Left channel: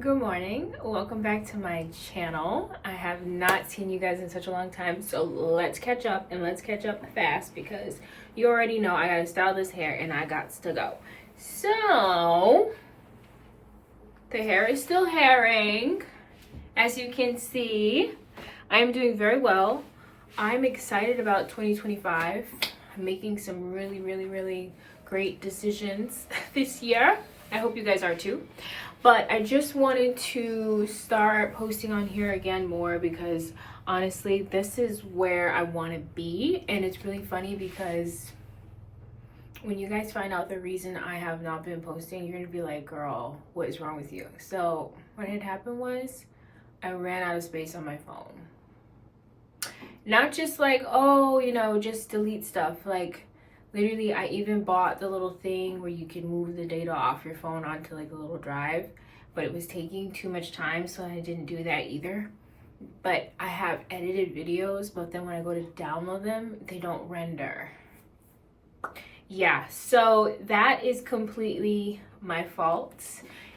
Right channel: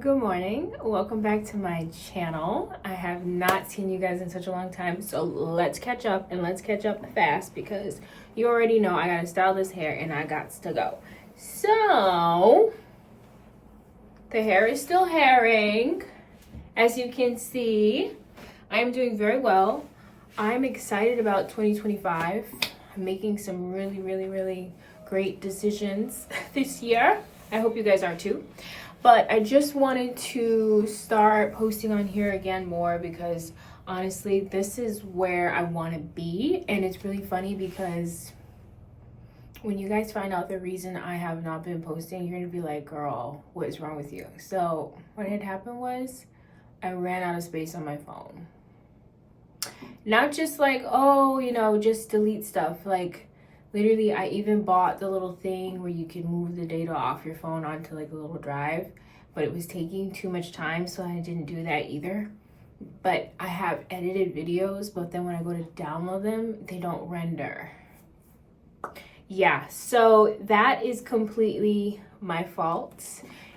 Good morning. Welcome back to my channel. I have not seen you guys in such a long time, so let's catch up and let's catch up fast because you already know I gotta style this hair and I got to go. So the hair is still hairing. As you can see, I'm doing very well. I'm excited about 2025. I'm making some really great decisions this year. I hope you guys are too. But I just wanted to start posting on here again more because honestly, this is where I want to be. And it's really funny because when you guys find out the reason I have not been posting, you're going to be like, girl, what is wrong with you? So what had happened was I ran out of space on my phone. Not just like, oh, just delete stuff. Like, literally, I even bought the little thing where you can move the data off your phone onto like a little drive, but it was taking too much time, so I didn't do that either. But I have edited videos, but then when I go to download them, they don't render. Yeah, so that is completely my fault.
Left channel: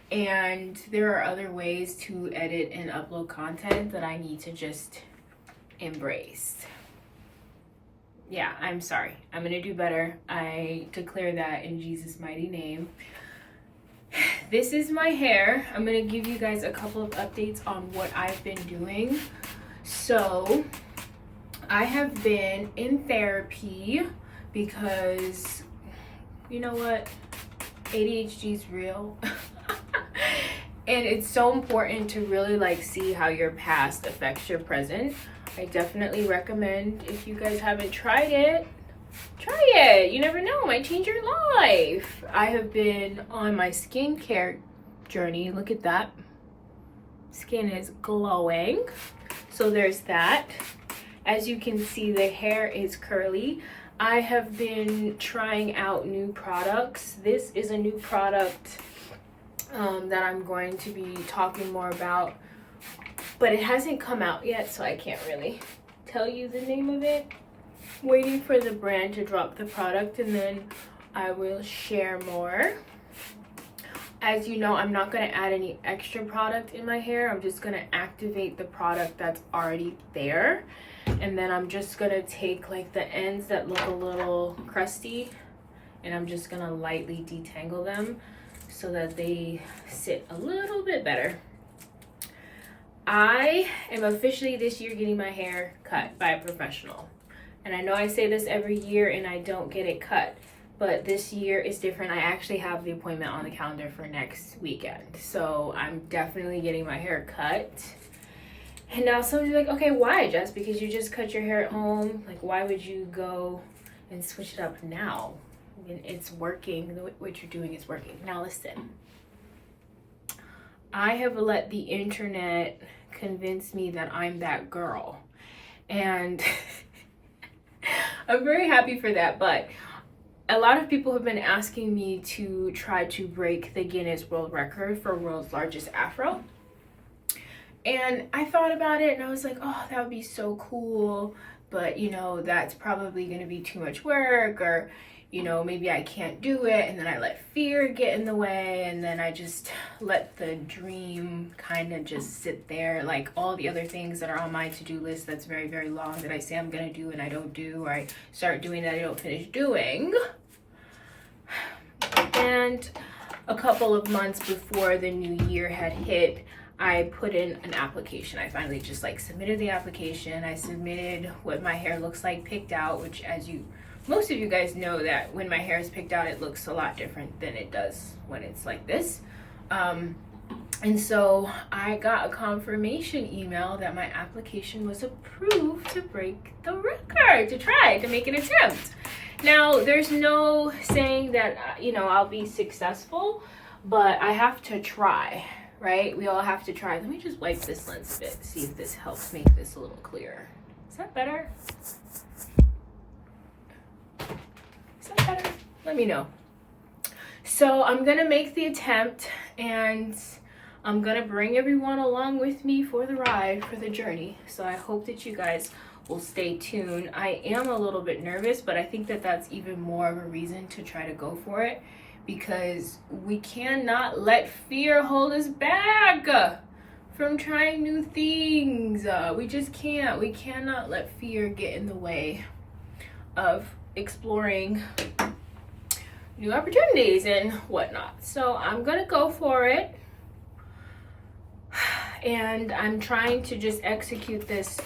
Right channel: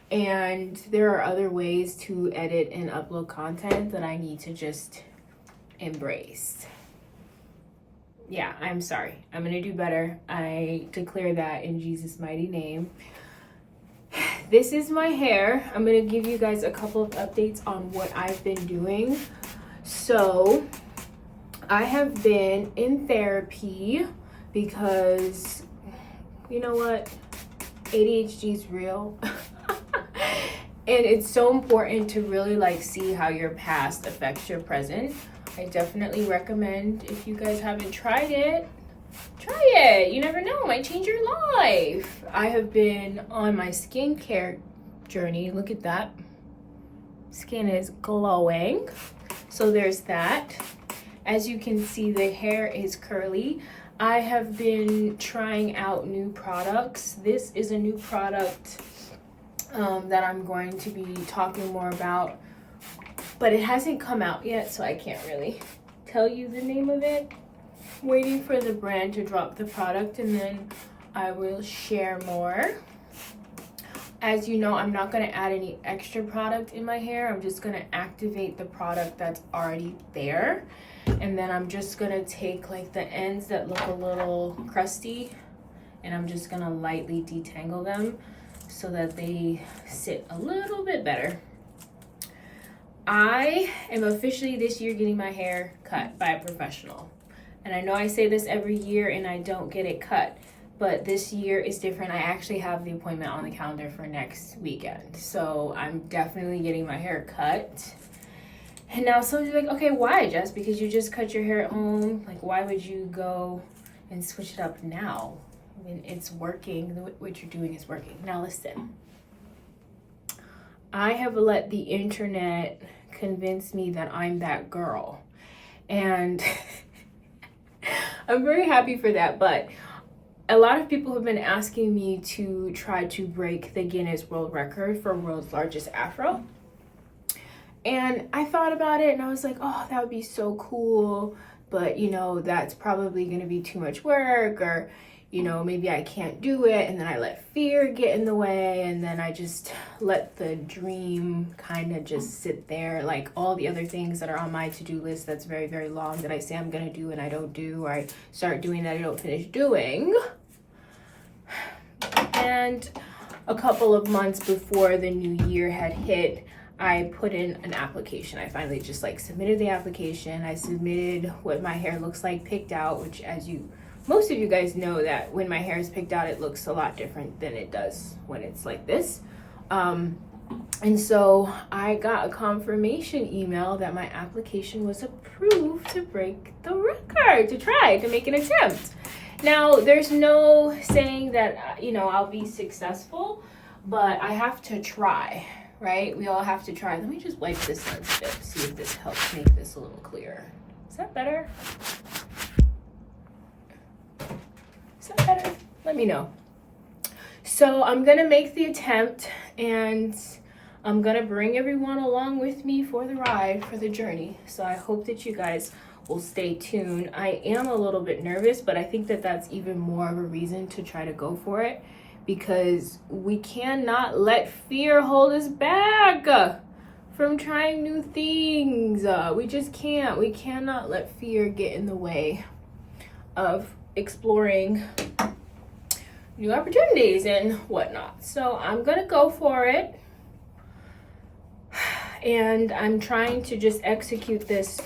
And there are other ways to edit and upload content that I need to just embrace. Yeah, I'm sorry. I'm gonna do better. I declare that in Jesus' mighty name. This is my hair. I'm gonna give you guys a couple of updates on what I've been doing. So I have been in therapy because you know what? ADHD is real. And it's so important to really see how your past affects your present. I definitely recommend, if you guys haven't tried it, try it. You never know, it might change your life. I have been on my skincare journey. Look at that. Skin is glowing. So there's that. As you can see, the hair is curly. I have been trying out new products. This is a new product that I'm going to be talking more about, but it hasn't come out yet, so I can't really tell you the name of it. Waiting for the brand to drop the product and then I will share more. As you know, I'm not going to add any extra product in my hair. I'm just going to activate the product that's already there, and then I'm just going to take the ends that look a little crusty and I'm just going to lightly detangle them so that they sit a little bit better. I am officially this year getting my hair cut by a professional. And I know I say this every year and I don't get it cut, but this year is different. I actually have the appointment on the calendar for next weekend. So I'm definitely getting my hair cut. And now some of you are like, okay, why, Jess? Because you just cut your hair at home. Like, why would you go and switch it up now? I mean, it's working. What you're doing is working. Now listen. I have let the internet convince me that I'm that girl. And I'm very happy for that. But a lot of people have been asking me to try to break the Guinness World Record for world's largest afro. And I thought about it and I was like, oh, that would be so cool. But, that's probably going to be too much work, or maybe I can't do it. And then I let fear get in the way, and then I just let the dream kind of just sit there, like all the other things that are on my to-do list that's very long that I say I'm gonna do and I don't do, or I start doing that I don't finish doing. And a couple of months before the new year had hit, I put in an application. I finally just submitted the application. I submitted what my hair looks like picked out, which most of you guys know that when my hair is picked out, it looks a lot different than it does when it's like this. And so I got a confirmation email that my application was approved to break the record, to make an attempt. Now, there's no saying that, I'll be successful, but I have to try, right? We all have to try. Let me just wipe this lens a bit, see if this helps make this a little clearer. Is that better? Better? Let me know. So I'm gonna make the attempt and I'm gonna bring everyone along with me for the ride, for the journey. So I hope that you guys will stay tuned. I am a little bit nervous, but I think that that's even more of a reason to try to go for it, because we cannot let fear hold us back from trying new things. We just can't. We cannot let fear get in the way of exploring new opportunities and whatnot. So I'm gonna go for it. And I'm trying to just execute this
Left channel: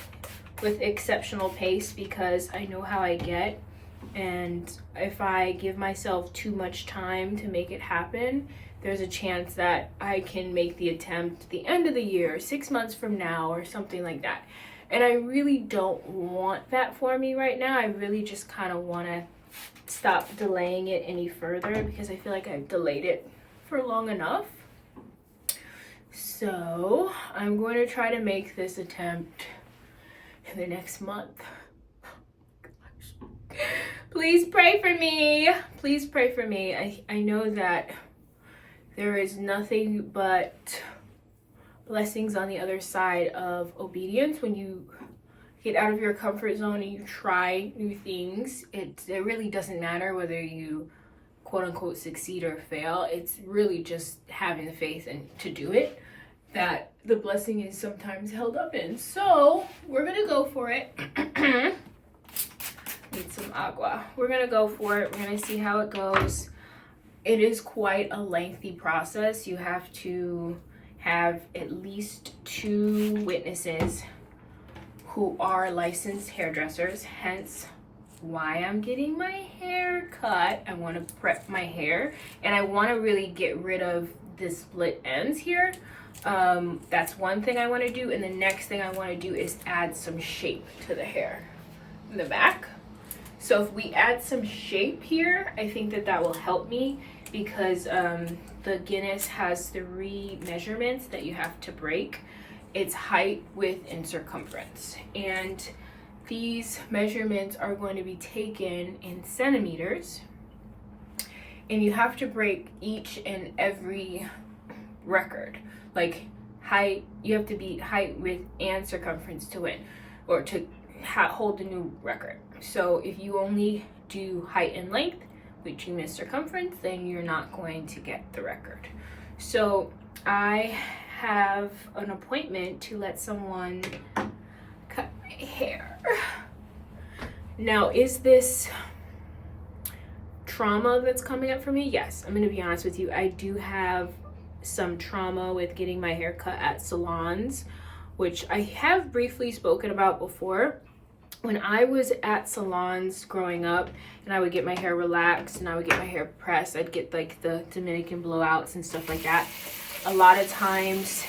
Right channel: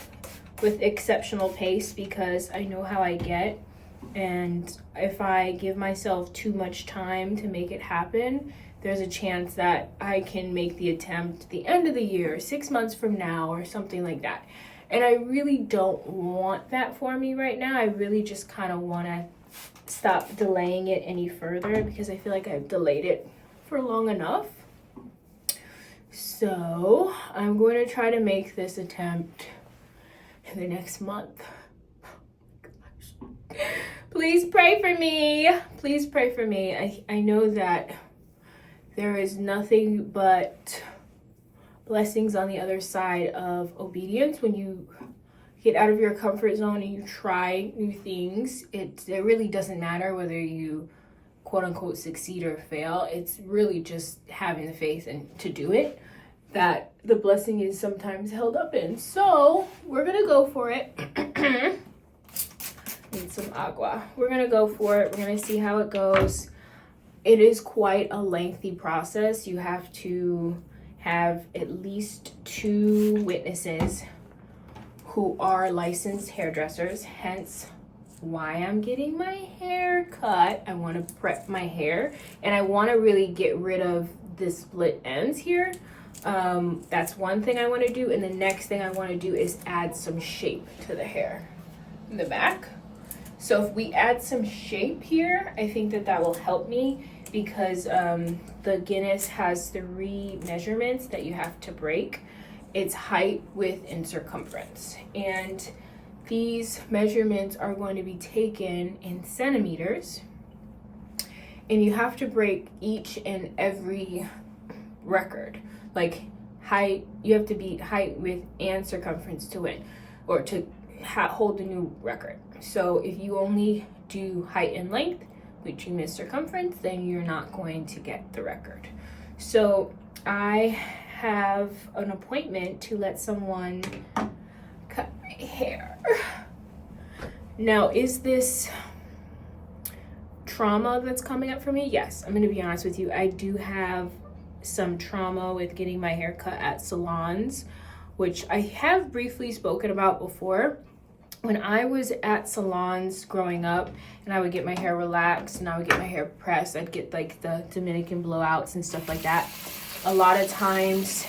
with exceptional pace because I know how I get. And if I give myself too much time to make it happen, there's a chance that I can make the attempt the end of the year, 6 months from now, or something like that. And I really don't want that for me right now. I really just kind of want to stop delaying it any further because I feel like I've delayed it for long enough. So I'm going to try to make this attempt in the next month. Oh my gosh. Please pray for me. Please pray for me. I know that there is nothing but blessings on the other side of obedience when you get out of your comfort zone and you try new things. It really doesn't matter whether you quote unquote succeed or fail. It's really just having the faith and to do it that the blessing is sometimes held up in. So we're gonna go for it. Need some agua. We're gonna go for it. We're gonna see how it goes. It is quite a lengthy process. You have to have at least 2 witnesses who are licensed hairdressers, hence why I'm getting my hair cut. I want to prep my hair and I want to really get rid of the split ends here. That's one thing I want to do, and the next thing I want to do is add some shape to the hair in the back. So if we add some shape here, I think that will help me because the Guinness has 3 measurements that you have to break. It's height, width, and circumference. And these measurements are going to be taken in centimeters. And you have to break each and every record. Like height, you have to beat height, width, and circumference to win, or to hold the new record. So if you only do height and length, which you miss circumference, then you're not going to get the record. So I have an appointment to let someone cut my hair. Now, is this trauma that's coming up for me? Yes, I'm gonna be honest with you. I do have some trauma with getting my hair cut at salons, which I have briefly spoken about before. When I was at salons growing up and I would get my hair relaxed and I would get my hair pressed, I'd get like the Dominican blowouts and stuff like that. A lot of times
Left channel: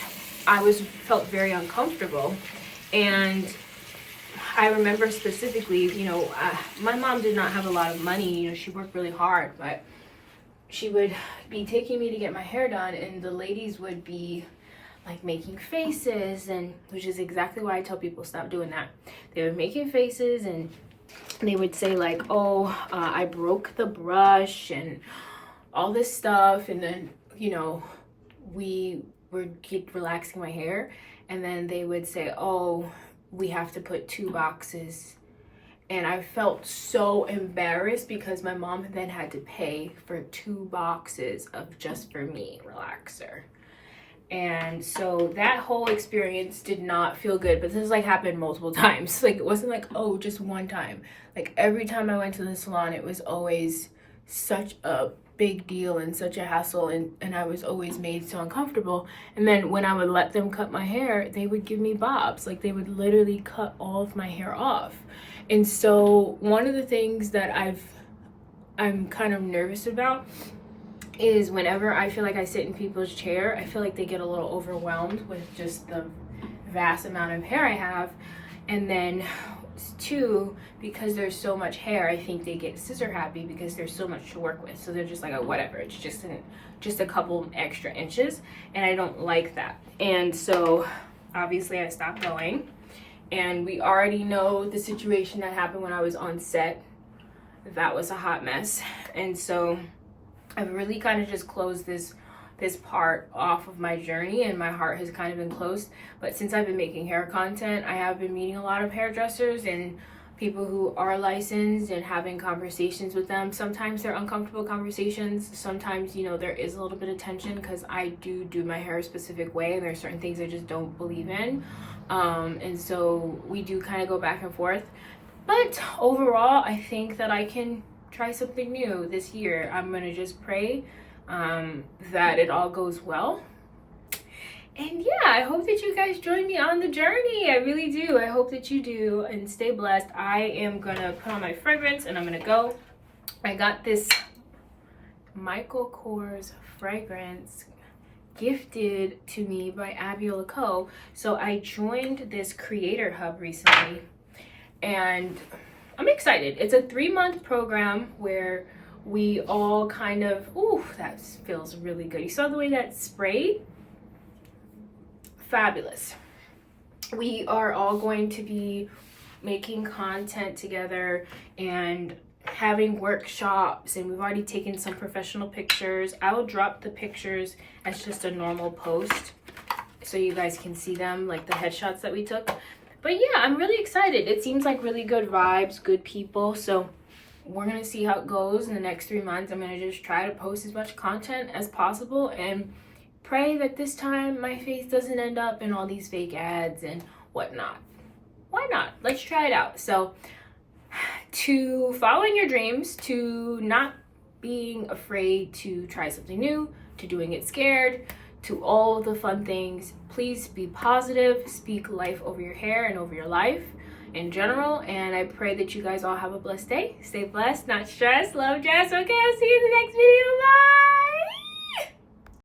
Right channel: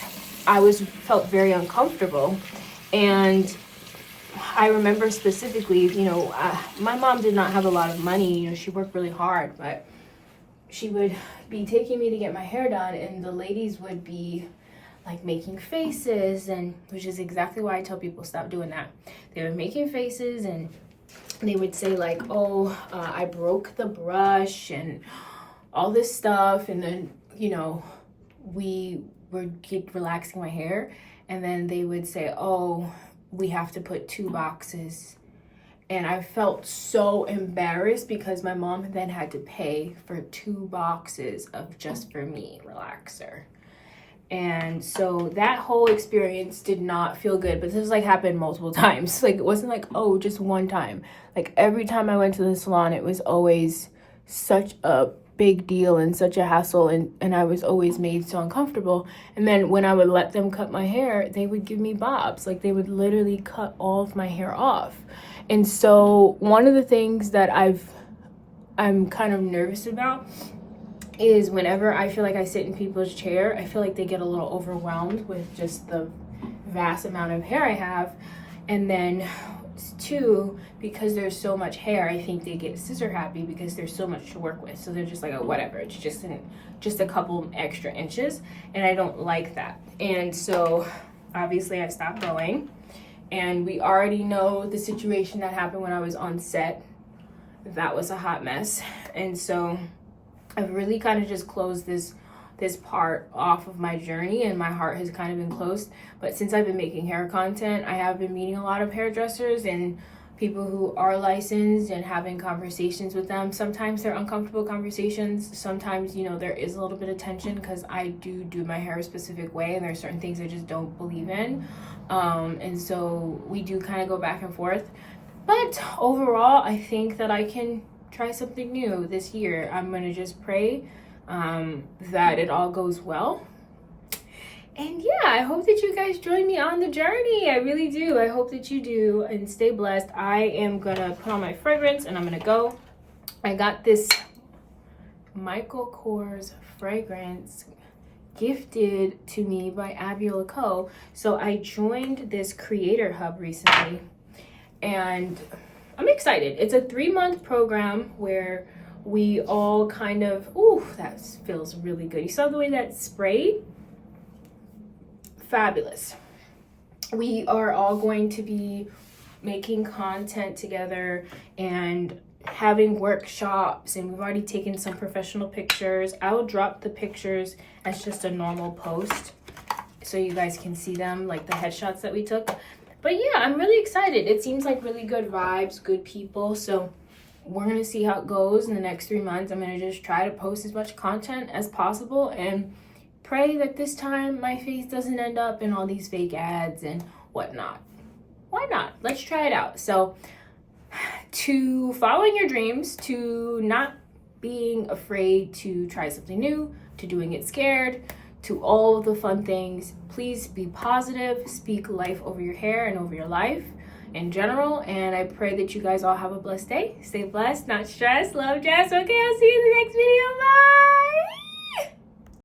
I felt very uncomfortable. And I remember specifically, my mom did not have a lot of money. She worked really hard, but she would be taking me to get my hair done and the ladies would be like making faces, and which is exactly why I tell people stop doing that. They were making faces and they would say like, oh, I broke the brush and all this stuff. And then, we would keep relaxing my hair. And then they would say, oh, we have to put 2 boxes. And I felt so embarrassed because my mom then had to pay for 2 boxes of just for me relaxer. And so that whole experience did not feel good, but this happened multiple times. Like, it wasn't like, oh, just one time. Like, every time I went to the salon, it was always such a big deal and such a hassle, and I was always made so uncomfortable. And then when I would let them cut my hair, they would give me bobs. Like, they would literally cut all of my hair off. And so one of the things that I'm kind of nervous about is whenever I feel like I sit in people's chair, I feel like they get a little overwhelmed with just the vast amount of hair I have. And then 2, because there's so much hair, I think they get scissor happy because there's so much to work with. So they're just like, oh, whatever, it's just a couple extra inches, and I don't like that. And so obviously I stopped going, and we already know the situation that happened when I was on set. That was a hot mess. And so I've really kind of just closed this part off of my journey, and my heart has kind of been closed. But since I've been making hair content, I have been meeting a lot of hairdressers, and people who are licensed and having conversations with them. Sometimes they're uncomfortable conversations. Sometimes, you know, there is a little bit of tension because I do my hair a specific way and there's certain things I just don't believe in. And so we do kind of go back and forth. But overall, I think that I can try something new this year. I'm going to just pray that it all goes well. And yeah, I hope that you guys join me on the journey. I really do. I hope that you do, and stay blessed. I am gonna put on my fragrance and I'm gonna go. I got this Michael Kors fragrance gifted to me by Abiola Co. So I joined this creator hub recently and I'm excited. It's a 3-month program where we all kind of, ooh, that feels really good. You saw the way that sprayed? Fabulous. We are all going to be making content together and having workshops, and we've already taken some professional pictures. I will drop the pictures as just a normal post so you guys can see them, like the headshots that we took. But yeah, I'm really excited. It seems like really good vibes, good people. So we're gonna see how it goes in the next 3 months. I'm gonna just try to post as much content as possible and pray that this time my face doesn't end up in all these fake ads and whatnot. Why not? Let's try it out. So to following your dreams, to not being afraid to try something new, to doing it scared, to all of the fun things, please be positive, speak life over your hair and over your life in general. And I pray that you guys all have a blessed day. Stay blessed, not stressed. Love, Jess. Okay, I'll see you in the next video. Bye.